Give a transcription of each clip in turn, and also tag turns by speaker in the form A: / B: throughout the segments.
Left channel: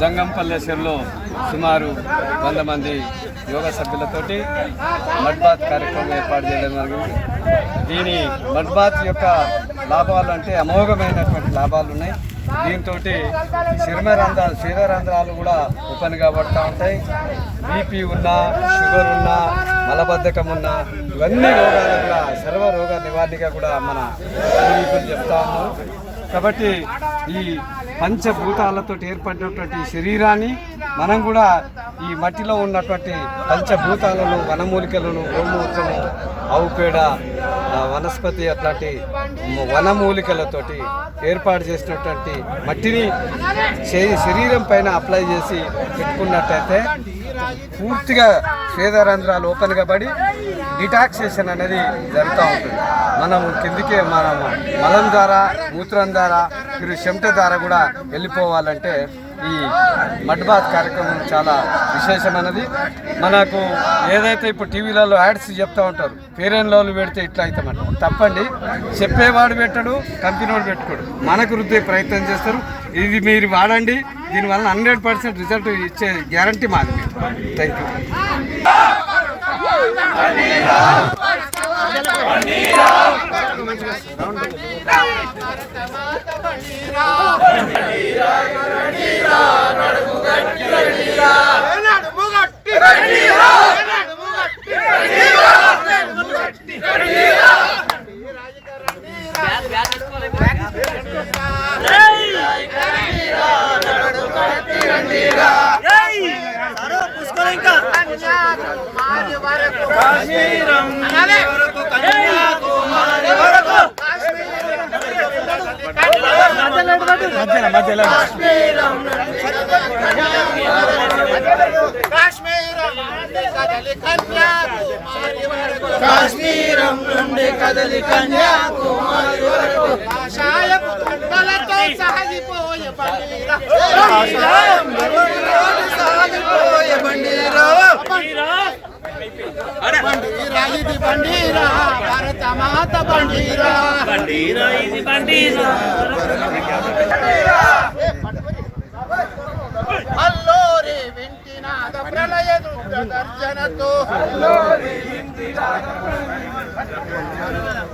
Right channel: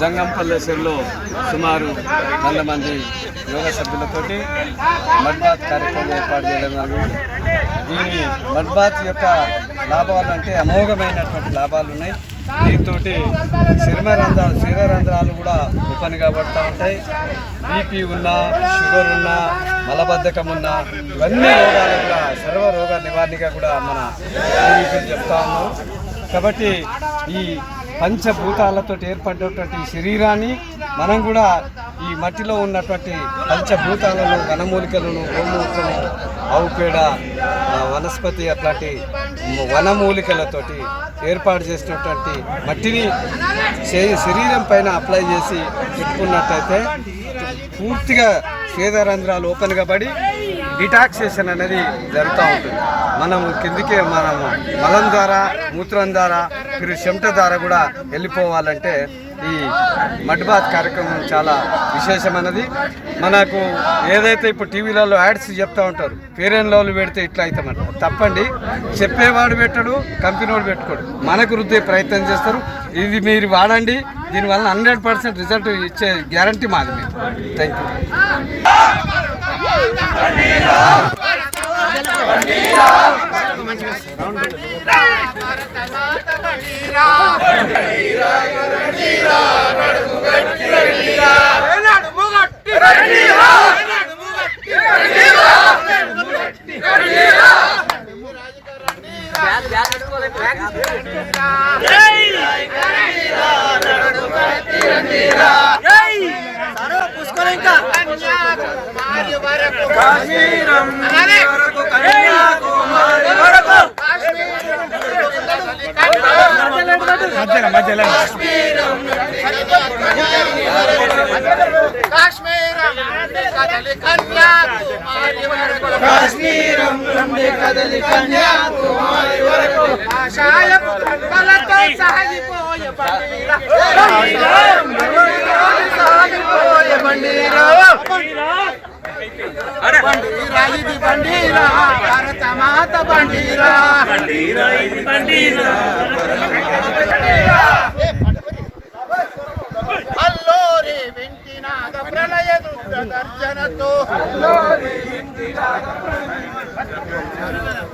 A: జంగంపల్లె చెరువులో సుమారు వంద మంది యోగా సభ్యులతోటి మడ్బాత్ కార్యక్రమం ఏర్పాటు చేయడం జరిగింది. దీని మడ్బాత్ యొక్క లాభాలు అంటే అమోఘమైనటువంటి లాభాలు ఉన్నాయి. దీంతో చర్మ రంధ్రాలు రంధ్రాలు కూడా ఓపెన్ కాబడుతూ ఉంటాయి. బీపీ ఉన్నా షుగర్ ఉన్నా మలబద్ధకం ఉన్నా ఇవన్నీ రోగాలు కూడా సర్వ రోగ నివారణగా కూడా మన పూర్వీకులు చెప్తా ఉన్నాం. కాబట్టి ఈ పంచభూతాలతో ఏర్పడినటువంటి శరీరాన్ని మనం కూడా ఈ మట్టిలో ఉన్నటువంటి పంచభూతాలను వనమూలికలను గోమూత్రము ఆవు పేడ వనస్పతి అట్లాంటి వనమూలికలతోటి ఏర్పాటు చేసినటువంటి మట్టిని శరీ- శరీరం పైన అప్లై చేసి పెట్టుకున్నట్టయితే పూర్తిగా స్వేదరంధ్రాలు ఓపెన్గా పడి డిటాక్సేషన్ అనేది జరుగుతూ ఉంటుంది. మనం కిందికే మనము మలం ద్వారా మూత్రం ద్వారా మీరు చెమట ద్వారా కూడా వెళ్ళిపోవాలంటే ఈ మడ్బాత్ కార్యక్రమం చాలా విశేషమైనది. మనకు ఏదైతే ఇప్పుడు టీవీలలో యాడ్స్ చెప్తూ ఉంటారు పేరెంట్ లోలు పెడితే ఇట్లా అవుతామంట తప్పండి. చెప్పేవాడు పెట్టడు కంపెనీ వాడు పెట్టుకోడు. మనకు రుద్దే ప్రయత్నం చేస్తారు. ఇది మీరు వాడండి. దీనివల్ల హండ్రెడ్ పర్సెంట్ రిజల్ట్ ఇచ్చే గ్యారంటీ మాది థ్యాంక్ యూ కడగండిరా కన్యాకుమారి వరకు కన్యాకుమారి వరకు
B: కాశ్మీరం నుండి కదలి కన్యాకుమారి వరకు కాషాయపు దండలతో సాగిపోయే బండిరా. సాగిపోయే బండిరా. బండిరా ఇది బండిరా భారత అల్లోరి వెంకినాథ ప్రళయ దుర్గ గర్జనతో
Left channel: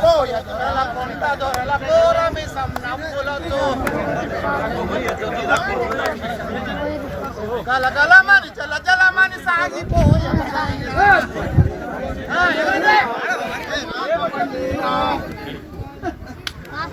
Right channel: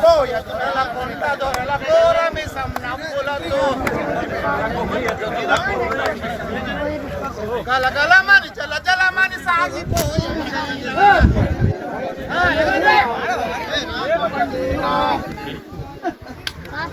B: కోయ దొరల కొండ దొరల కోరమి సన్నప్పులతో గలగలమని జల జలమని సాగిపోయే.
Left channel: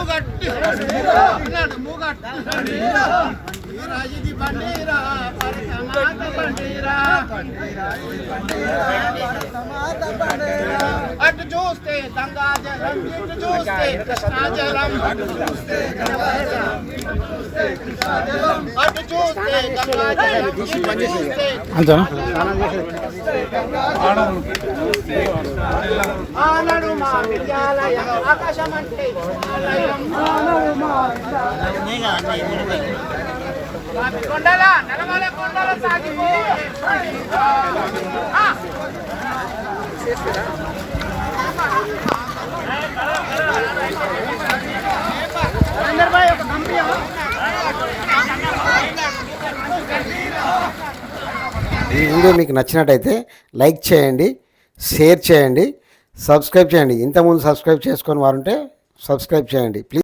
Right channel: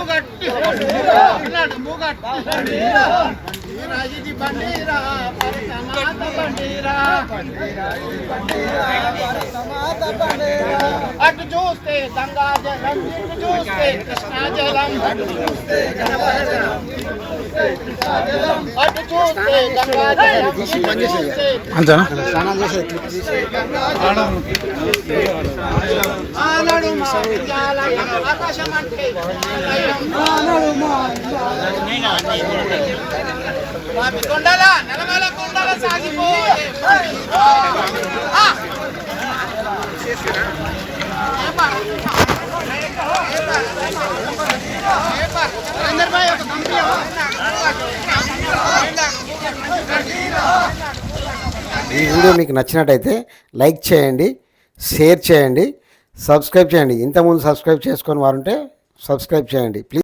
B: నడుము గట్టి నడుము గట్టి బండిరా ఇది బండిరా భరత మాత బండిరా అటు చూస్తే గంగా జలం ఇటు చూస్తే కృష్ణా జలం అటు చూస్తే గంగా జలం అటు చూస్తే గంగా జలం ఇటు చూస్తే
C: అంతేనా
B: ఆనడు మా విద్యాలయం ఆకాశం అంటే కొండల కొండల ఒక
D: ఈ వీడియో మీకు నచ్చినట్టయితే లైక్ చేయండి షేర్ చేయండి. సబ్స్క్రైబ్ చేయండి. ఇంతకుముందు సబ్స్క్రైబ్ చేసుకొని వారుంటే సబ్స్క్రైబ్ చేయండి. ప్లీజ్